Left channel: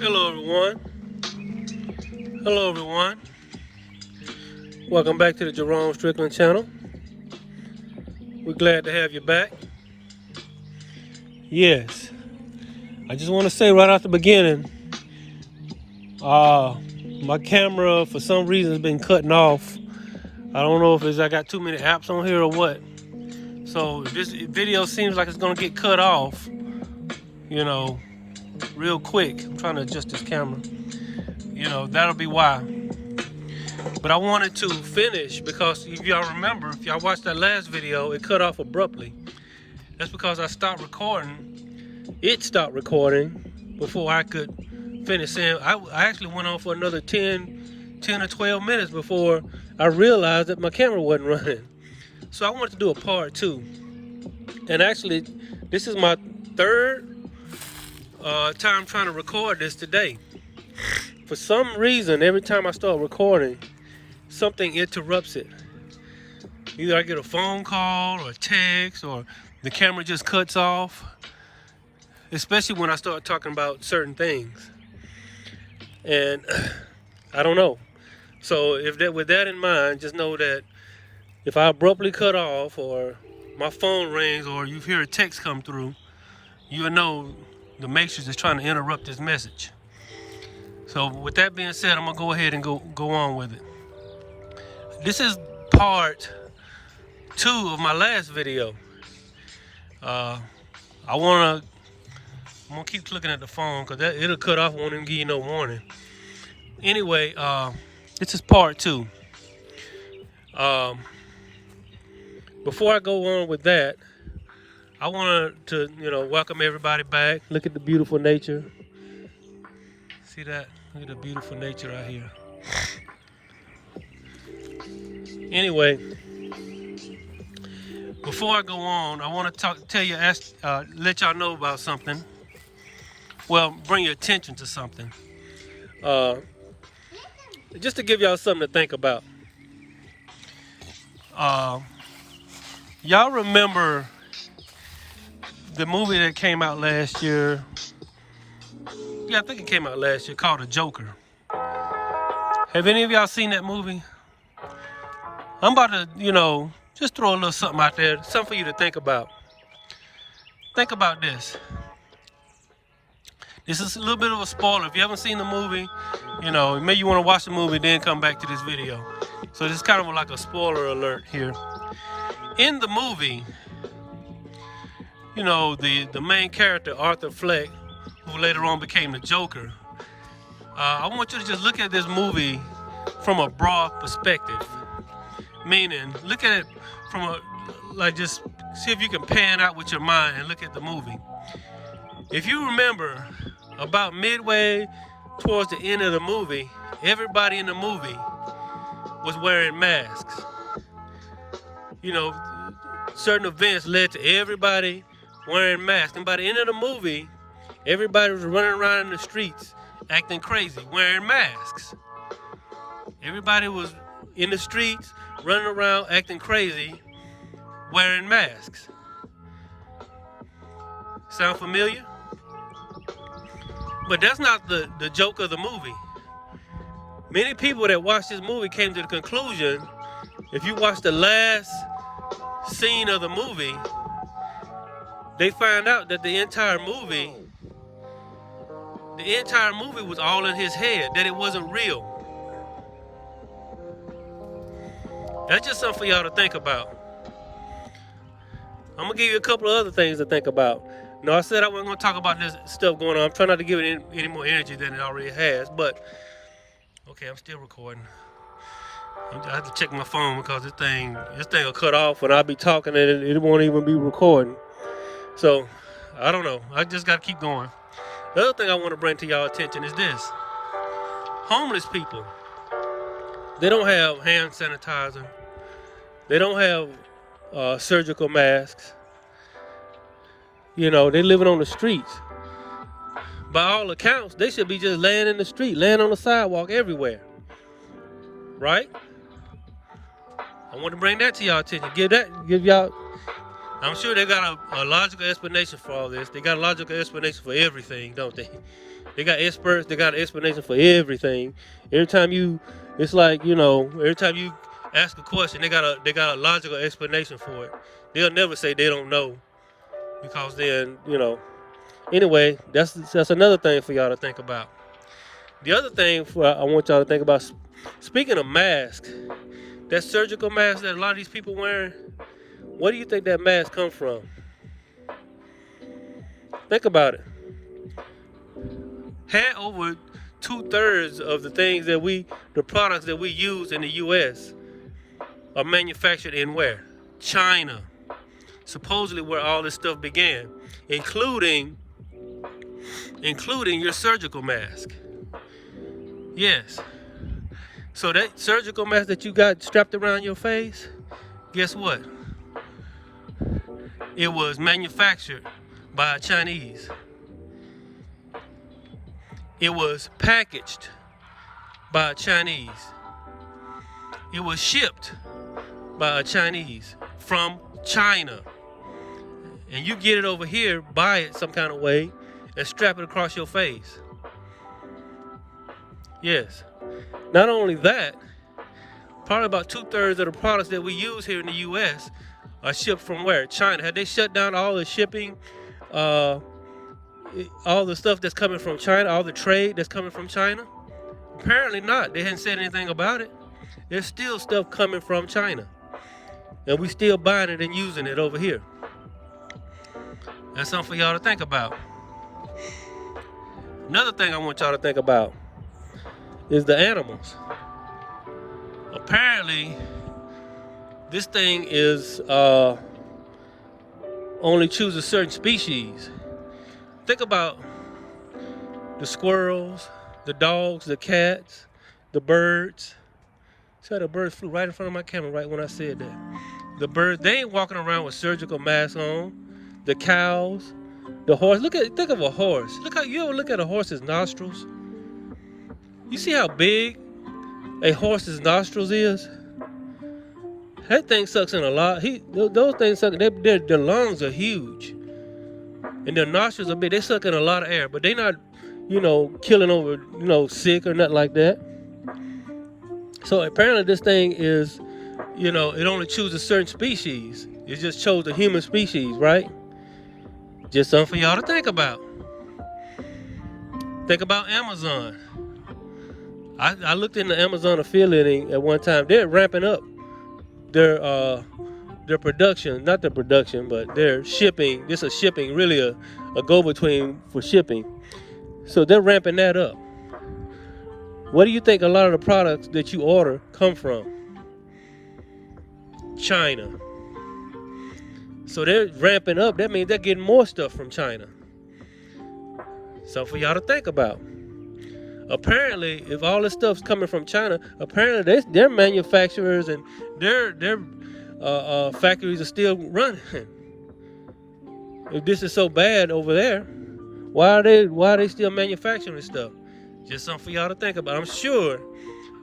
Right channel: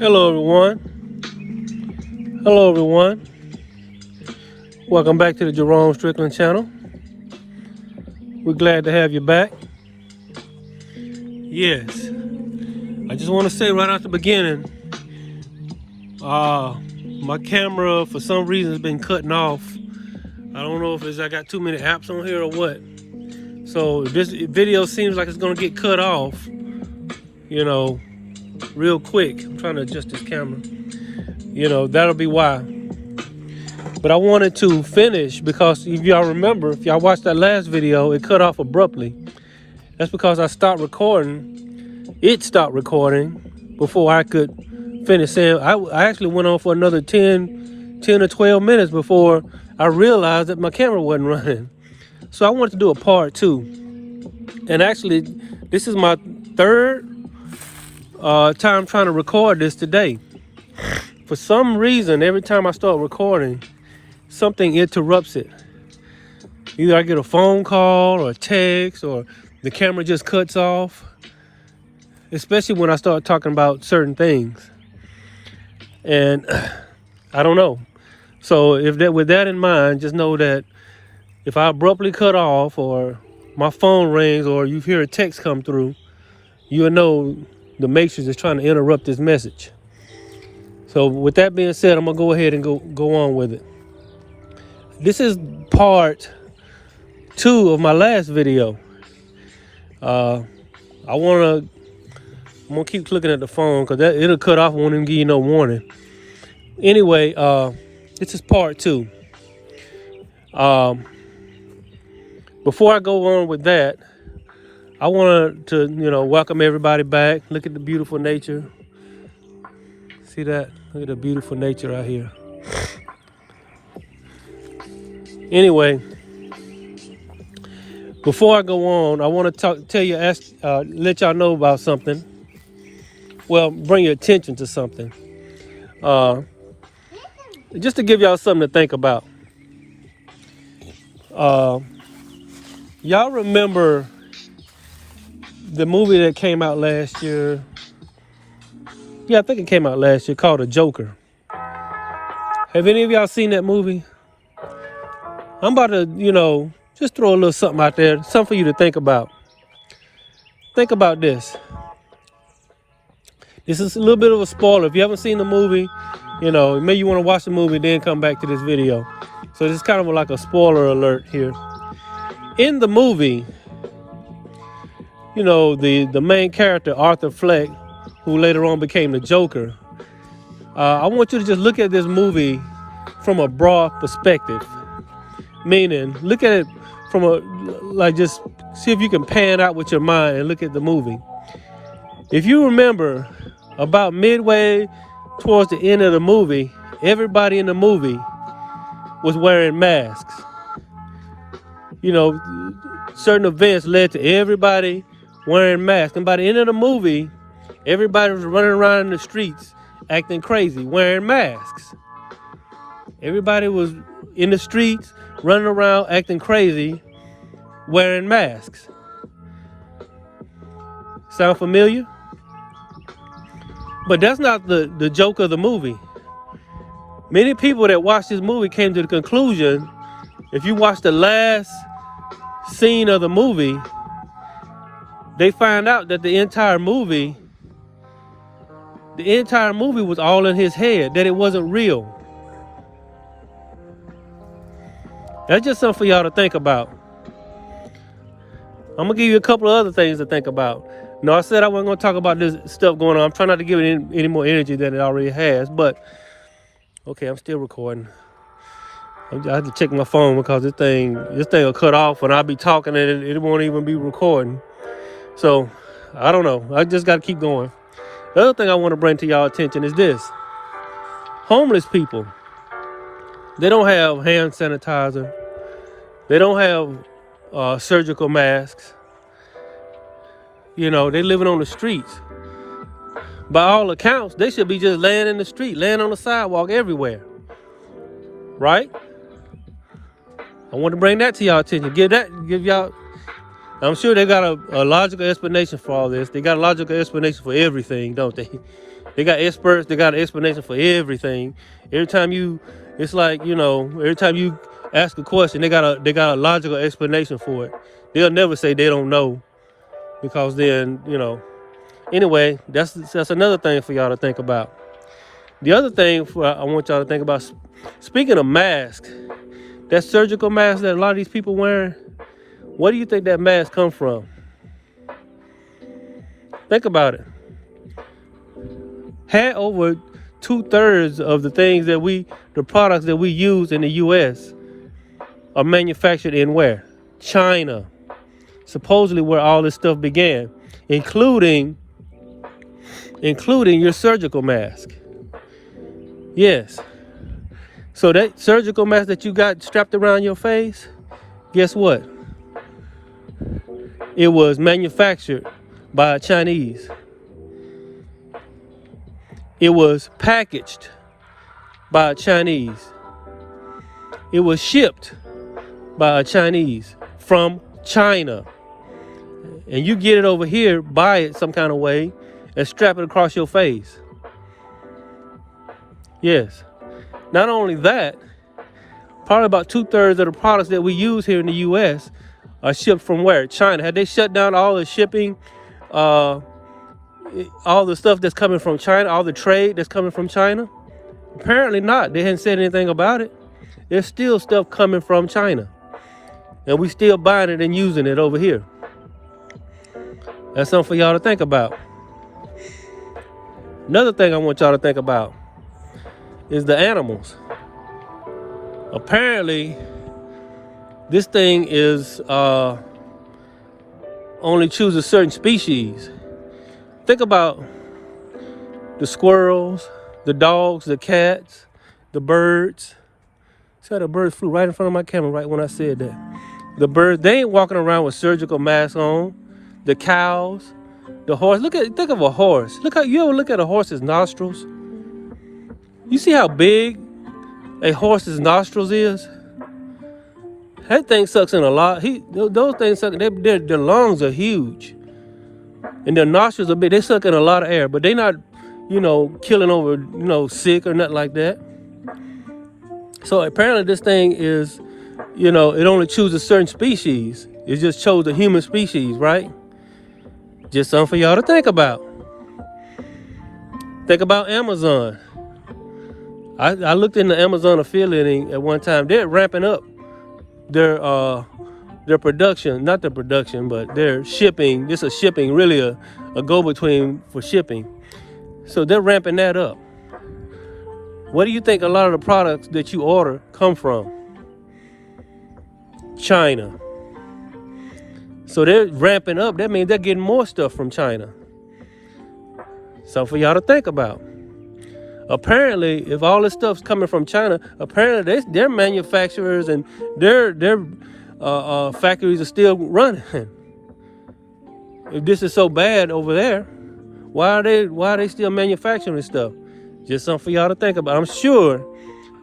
Hello everyone. Hello everyone. Welcome back to the Jerome Strickland channel. We're glad to have you back. Yes. I just want to say right out the beginning, my camera for some reason has been cutting off. I don't know if it's I got too many apps on here or what. So if this video seems like it's gonna get cut off, real quick. I'm trying to adjust this camera. That'll be why. But I wanted to finish because if y'all remember, if y'all watched that last video, it cut off abruptly. That's because I stopped recording. It stopped recording before I could finish saying. I actually went on for another 10 or 12 minutes before I realized that my camera wasn't running. So I wanted to do a part 2. And actually, this is my third time trying to record this today. For some reason, every time I start recording, something interrupts it. Either I get a phone call or a text or the camera just cuts off, especially when I start talking about certain things. And I don't know. So with that in mind, just know that if I abruptly cut off or my phone rings or you hear a text come through, you'll know the Matrix is trying to interrupt this message. So with that being said, I'm gonna go ahead and go on with it. This is part 2 of my last video. I'm gonna keep looking at the phone because it'll cut off. Won't even give you no warning. Anyway, this is part 2. Before I go on with that, I wanted to welcome everybody back. Look at the beautiful nature. See that? Look at the beautiful nature out here. Anyway, before I go on, I want to let y'all know about something. Well, bring your attention to something. Just to give y'all something to think about. Y'all remember the movie that came out last year? Yeah, I think it came out last year, called The Joker. Have any of y'all seen that movie? I'm about to, just throw a little something out there, something for you to think about. Think about this. This is a little bit of a spoiler. If you haven't seen the movie, maybe you want to watch the movie, then come back to this video. So this is kind of like a spoiler alert here. In the movie, the main character, Arthur Fleck, who later on became the Joker, I want you to just look at this movie from a broad perspective. Meaning, look at it from just see if you can pan out with your mind and look at the movie. If you remember, about midway towards the end of the movie, everybody in the movie was wearing masks. Certain events led to everybody wearing masks. And by the end of the movie, everybody was running around in the streets acting crazy, wearing masks. Everybody was in the streets running around acting crazy, wearing masks. Sound familiar? But that's not the joke of the movie. Many people that watched this movie came to the conclusion, if you watch the last scene of the movie, they find out that the entire movie was all in his head, that it wasn't real. That's just something for y'all to think about. I'm gonna give you a couple of other things to think about. I said I wasn't gonna talk about this stuff going on. I'm trying not to give it any more energy than it already has, but okay, I'm still recording. I have to check my phone because this thing will cut off and I'll be talking and it won't even be recording. So, I don't know. I just gotta keep going. The other thing I want to bring to y'all attention is this. Homeless people, they don't have hand sanitizer. They don't have surgical masks. They're living on the streets. By all accounts, they should be just laying in the street, laying on the sidewalk everywhere. Right? I want to bring that to y'all attention. Give I'm sure they got a logical explanation for all this. They got a logical explanation for everything, don't they? They got experts. They got an explanation for everything. Every time it's like, every time you ask a question, they got a logical explanation for it. They'll never say they don't know, because then, Anyway, that's another thing for y'all to think about. The other thing I want y'all to think about, speaking of masks, that surgical mask that a lot of these people wearing, where do you think that mask come from? Think about it. Had over 2/3 of the products that we use in the U.S. are manufactured in where? China. Supposedly where all this stuff began, including your surgical mask. Yes. So that surgical mask that you got strapped around your face, guess what? It was manufactured by a Chinese. It was packaged by a Chinese. It was shipped by a Chinese from China. And you get it over here, buy it some kind of way, and strap it across your face. Yes. Not only that, probably about 2/3 of the products that we use here in the U.S. are shipped from where? China. Had they shut down all the shipping, all the stuff that's coming from China, all the trade that's coming from China? Apparently not. They hadn't said anything about it. There's still stuff coming from China, and we still buying it and using it over here. That's something for y'all to think about. Another thing I want y'all to think about is the animals. Apparently, this thing is only chooses certain species. Think about the squirrels, the dogs, the cats, the birds. So the birds flew right in front of my camera right when I said that. The birds, they ain't walking around with surgical masks on. The cows, the horse. Think of a horse. You ever look at a horse's nostrils? You see how big a horse's nostrils is? That thing sucks in a lot. Those things suck. Their lungs are huge, and their nostrils are big. They suck in a lot of air, but they not, killing over, sick or nothing like that. So apparently this thing is, it only chooses certain species. It just chose the human species, right? Just something for y'all to think about. Think about Amazon. I looked in the Amazon affiliate at one time. They're ramping up their production, not the production, but their shipping. This is shipping, really a go-between for shipping. So they're ramping that up. What do you think a lot of the products that you order come from? China. So they're ramping up. That means they're getting more stuff from China. Something for y'all to think about. Apparently, if all this stuff's coming from China, apparently their manufacturers and their factories are still running. If this is so bad over there, why are they still manufacturing stuff? Just something for y'all to think about.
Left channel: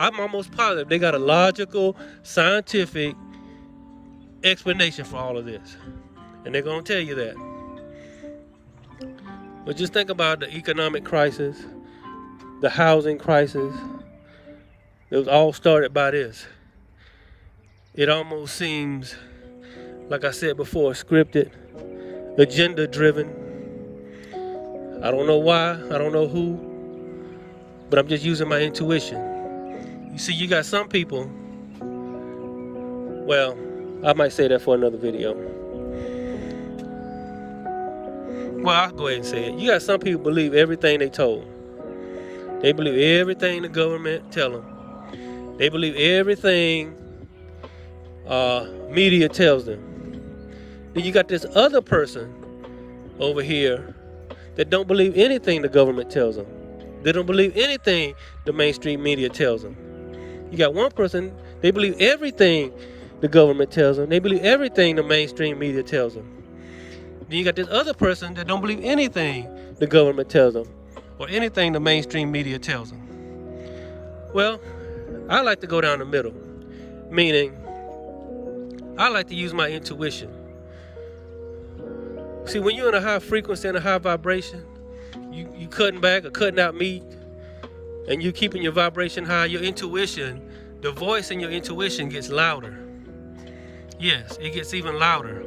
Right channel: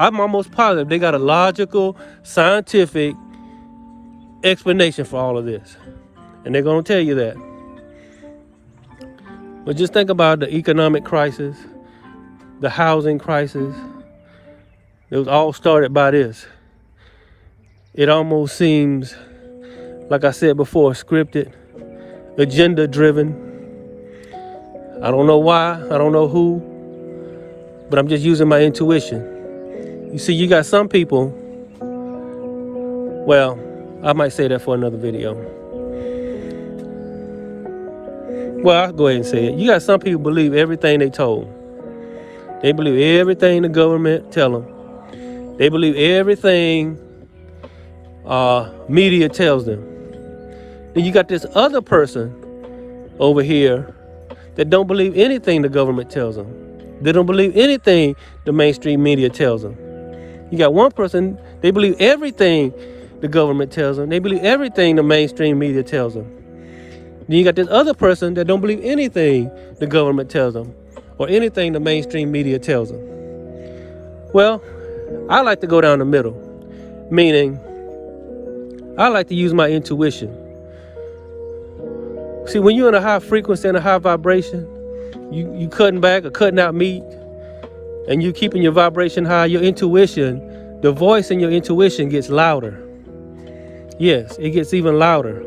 I'm almost positive they got a logical, scientific explanation for all of this, and they're gonna tell you that. But just think about the economic crisis, the housing crisis. It was all started by this. It almost seems, like I said before, scripted, agenda driven. I don't know why, I don't know who, but I'm just using my intuition. You see, you got some people, well, I might say that for another video. Well, I'll go ahead and say it. You got some people believe everything they told. They believe everything the government tell them. They believe everything media tells them. Then you got this other person over here that don't believe anything the government tells them. They don't believe anything the mainstream media tells them. You got one person, they believe everything the government tells them. They believe everything the mainstream media tells them. Then you got this other person that don't believe anything the government tells them or anything the mainstream media tells them. Well, I like to go down the middle, meaning I like to use my intuition. See, when you're in a high frequency and a high vibration, you cutting back or cutting out meat, and you keeping your vibration high, your intuition, the voice in your intuition gets louder. Yes, it gets even louder.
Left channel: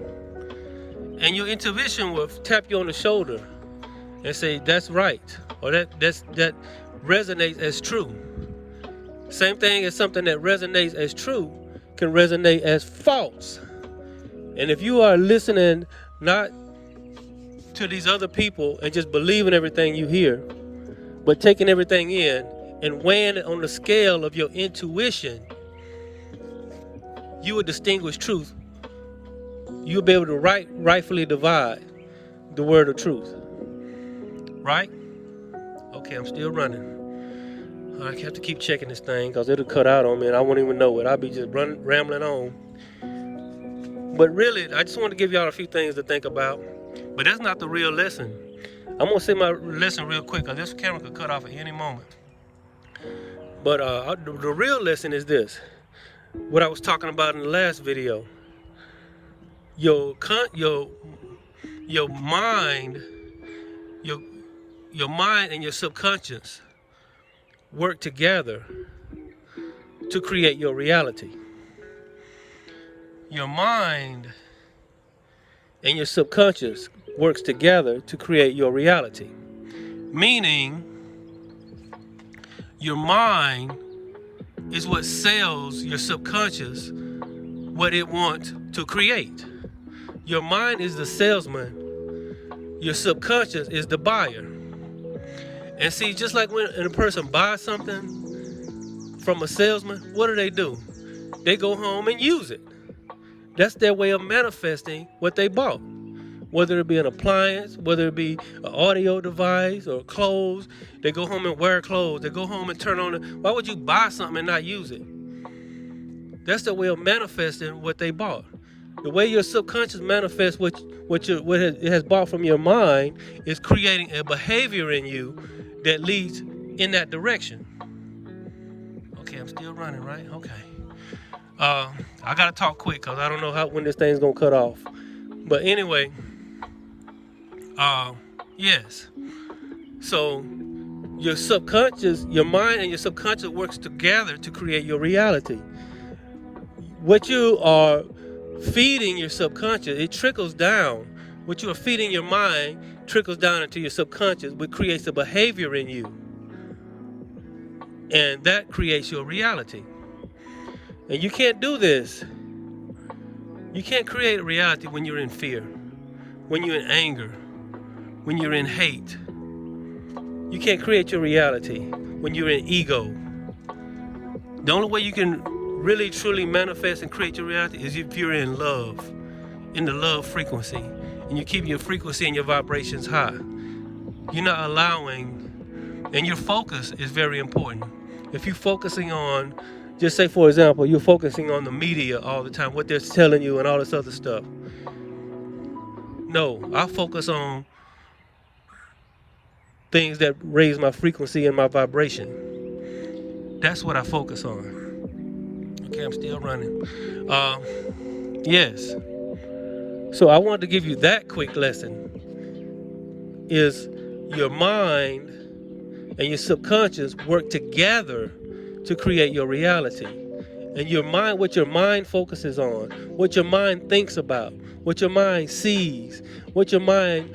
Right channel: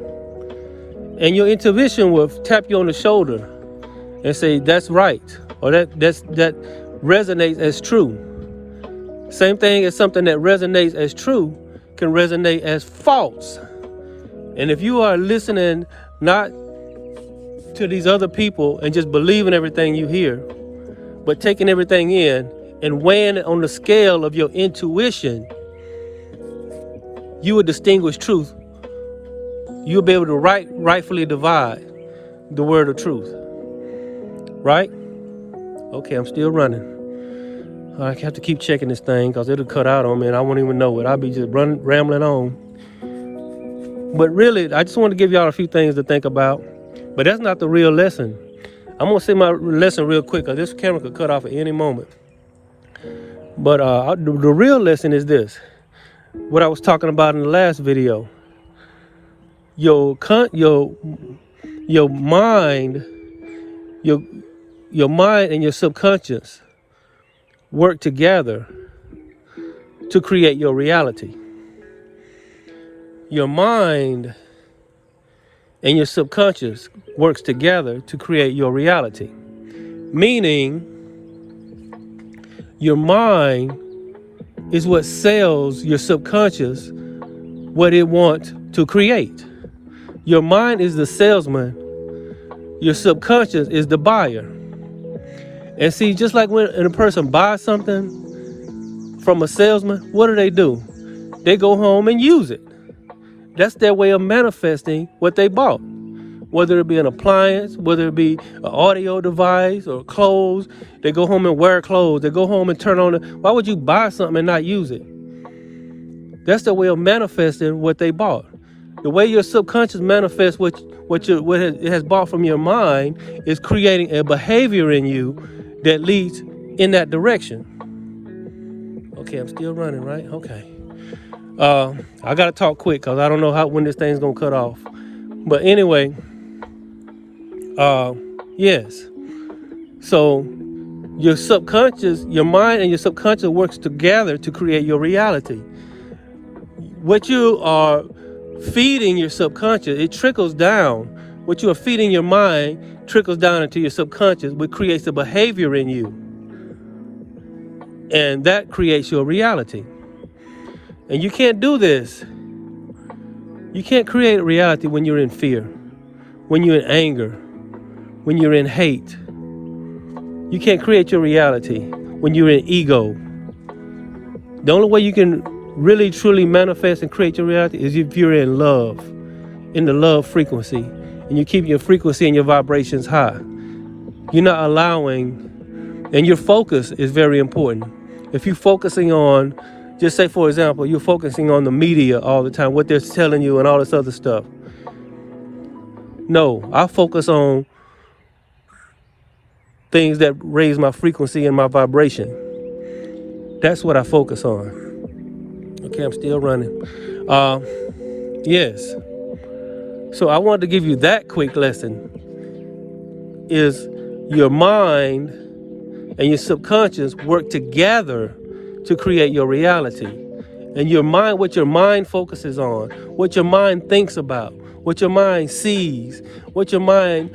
And your intuition will tap you on the shoulder and say, that's right, or that resonates as true. Same thing as something that resonates as true can resonate as false. And if you are listening not to these other people and just believing everything you hear, but taking everything in and weighing it on the scale of your intuition, you will distinguish truth. You'll be able to rightfully divide the word of truth. Right? Okay, I'm still running. I have to keep checking this thing because it'll cut out on me and I won't even know it. I'll be just rambling on. But really, I just want to give y'all a few things to think about. But that's not the real lesson. I'm going to say my lesson real quick because this camera could cut off at any moment. But the real lesson is this. What I was talking about in the last video. Your mind, your mind and your subconscious work together to create your reality. Your mind and your subconscious works together to create your reality. Meaning, your mind is what sells your subconscious what it wants to create. Your mind is the salesman. Your subconscious is the buyer. And see, just like when a person buys something from a salesman, what do? They go home and use it. That's their way of manifesting what they bought. Whether it be an appliance, whether it be an audio device or clothes, they go home and wear clothes. They go home and turn on it. Why would you buy something and not use it? That's their way of manifesting what they bought. The way your subconscious manifests what it has bought from your mind is creating a behavior in you that leads in that direction. Okay, I'm still running, right? Okay. I gotta talk quick because I don't know when this thing's gonna cut off. But anyway, yes. So your subconscious, your mind and your subconscious works together to create your reality. What you are feeding your subconscious, it trickles down. What you are feeding your mind trickles down into your subconscious, which creates a behavior in you. And that creates your reality. And you can't do this. You can't create a reality when you're in fear, when you're in anger, when you're in hate. You can't create your reality when you're in ego. The only way you can really truly manifest and create your reality is if you're in love, in the love frequency, and you keep your frequency and your vibrations high. You're not allowing, and your focus is very important. If you're focusing on, just say for example, you're focusing on the media all the time, what they're telling you and all this other stuff. No, I focus on things that raise my frequency and my vibration. That's what I focus on. Okay, I'm still running. Yes. So I wanted to give you that quick lesson. Is your mind and your subconscious work together to create your reality. And your mind, what your mind focuses on, what your mind thinks about, what your mind sees, what your mind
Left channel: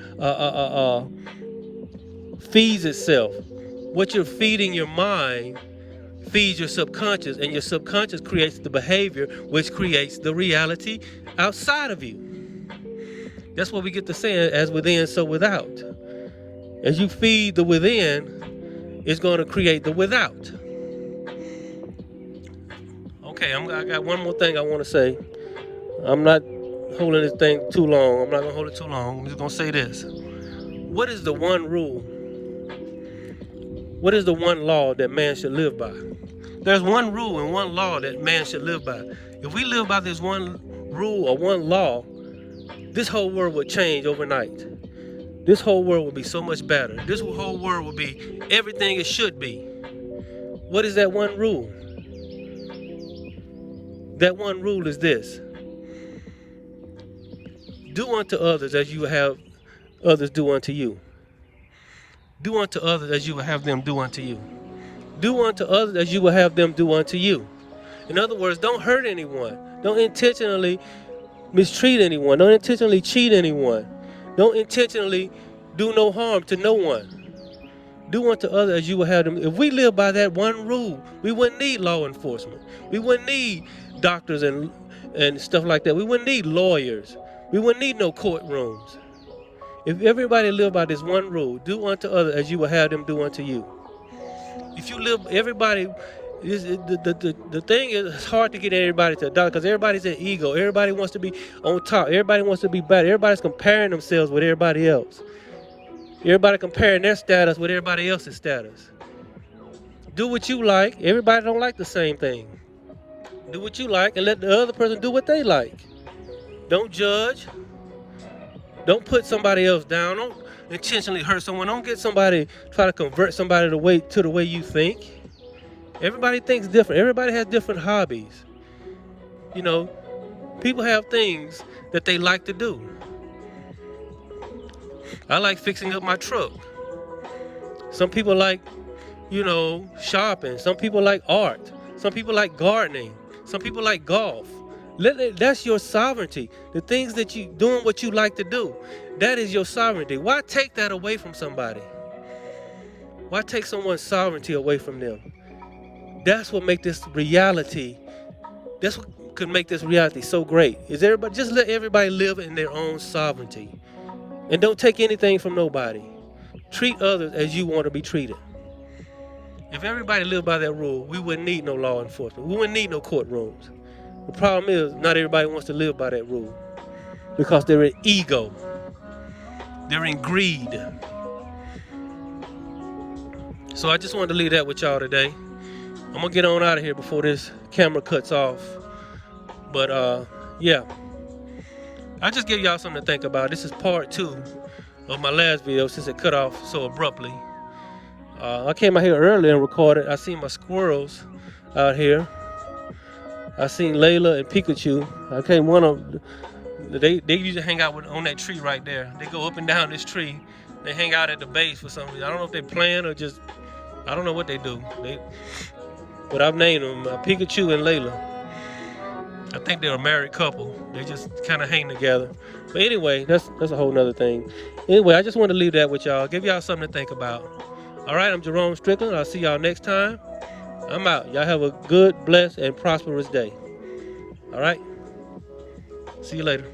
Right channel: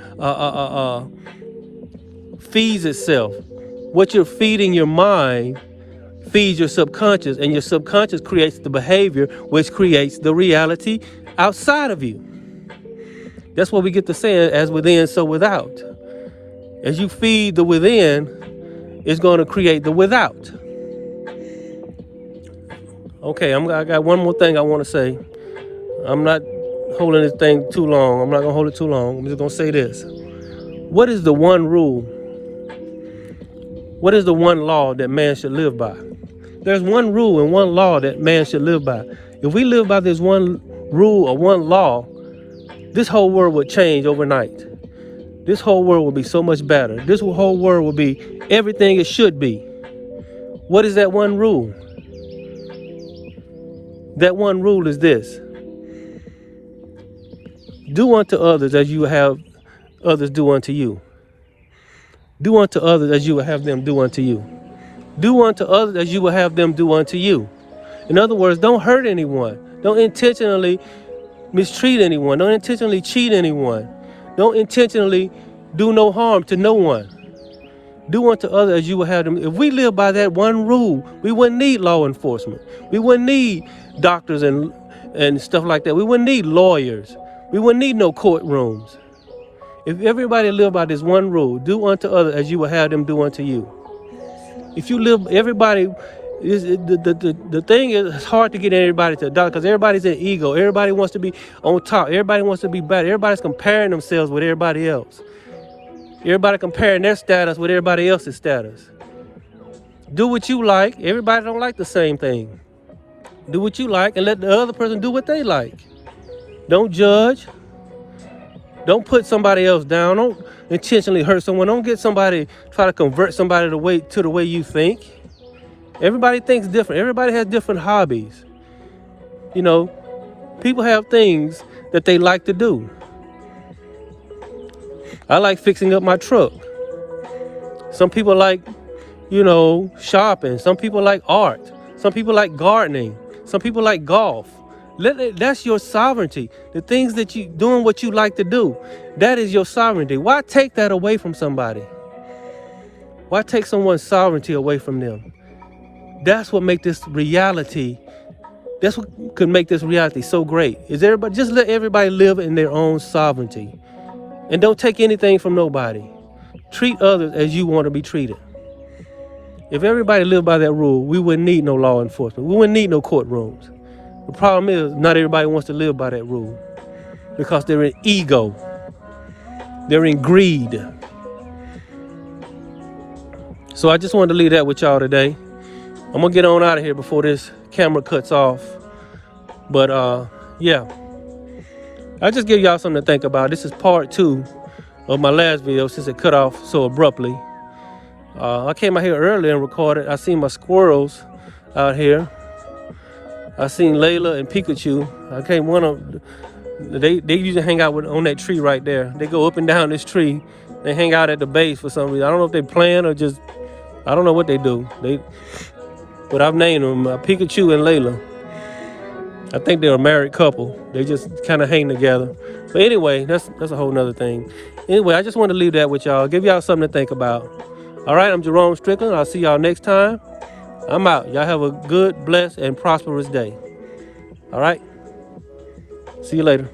feeds itself. What you're feeding your mind feeds your subconscious, and your subconscious creates the behavior which creates the reality outside of you. That's what we get to say, as within, so without. As you feed the within, it's going to create the without. Okay, I got one more thing I want to say. I'm not holding this thing too long. I'm not going to hold it too long. I'm just going to say this. What is the one rule? What is the one law that man should live by? There's one rule and one law that man should live by. If we live by this one rule or one law, this whole world would change overnight. This whole world will be so much better. This whole world will be everything it should be. What is that one rule? That one rule is this. Do unto others as you have others do unto you. Do unto others as you will have them do unto you. Do unto others as you will have them do unto you. In other words, don't hurt anyone. Don't intentionally mistreat anyone. Don't intentionally cheat anyone. Don't intentionally do no harm to no one. Do unto others as you will have them. If we live by that one rule, we wouldn't need law enforcement. We wouldn't need doctors and stuff like that. We wouldn't need lawyers. We wouldn't need no courtrooms. If everybody lived by this one rule, do unto others as you will have them do unto you. If you live, everybody, the thing is, it's hard to get everybody to adopt because everybody's in ego. Everybody wants to be on top. Everybody wants to be better. Everybody's comparing themselves with everybody else. Everybody comparing their status with everybody else's status. Do what you like. Everybody don't like the same thing. Do what you like and let the other person do what they like. Don't judge. Don't put somebody else down. Don't intentionally hurt someone. Don't get somebody, try to convert somebody to the way you think. Everybody thinks different. Everybody has different hobbies. You know, people have things that they like to do. I like fixing up my truck. Some people like, you know, shopping. Some people like art. Some people like gardening. Some people like golf. That's your sovereignty. The things that you doing what you like to do, that is your sovereignty. Why take that away from somebody? Why take someone's sovereignty away from them? That's what make this reality. That's what could make this reality so great. Is everybody just let everybody live in their own sovereignty. And don't take anything from nobody. Treat others as you want to be treated. If everybody lived by that rule, we wouldn't need no law enforcement. We wouldn't need no courtrooms. The problem is, not everybody wants to live by that rule because they're in ego. They're in greed. So I just wanted to leave that with y'all today. I'm going to get on out of here before this camera cuts off. But yeah. I just give y'all something to think about. This is part 2 of my last video since it cut off so abruptly. I came out here earlier and recorded. I seen my squirrels out here. I seen Layla and Pikachu. I came one of them. They usually hang out on that tree right there. They go up and down this tree. They hang out at the base for some reason. I don't know if they playing or just, I don't know what they do. But I've named them Pikachu and Layla. I think they're a married couple. They just kind of hang together. But anyway, that's a whole nother thing. Anyway, I just want to leave that with y'all. Give y'all something to think about. All right, I'm Jerome Strickland. I'll see y'all next time. I'm out. Y'all have a good, blessed, and prosperous day. All right? See you later.